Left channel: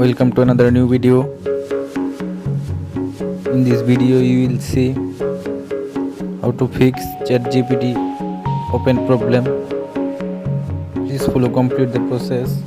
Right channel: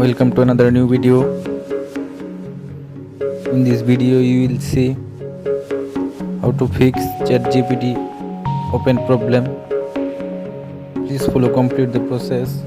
Welcome to another new video. In this video you will see how to fix Chatgpt open problem. Please follow complete the process.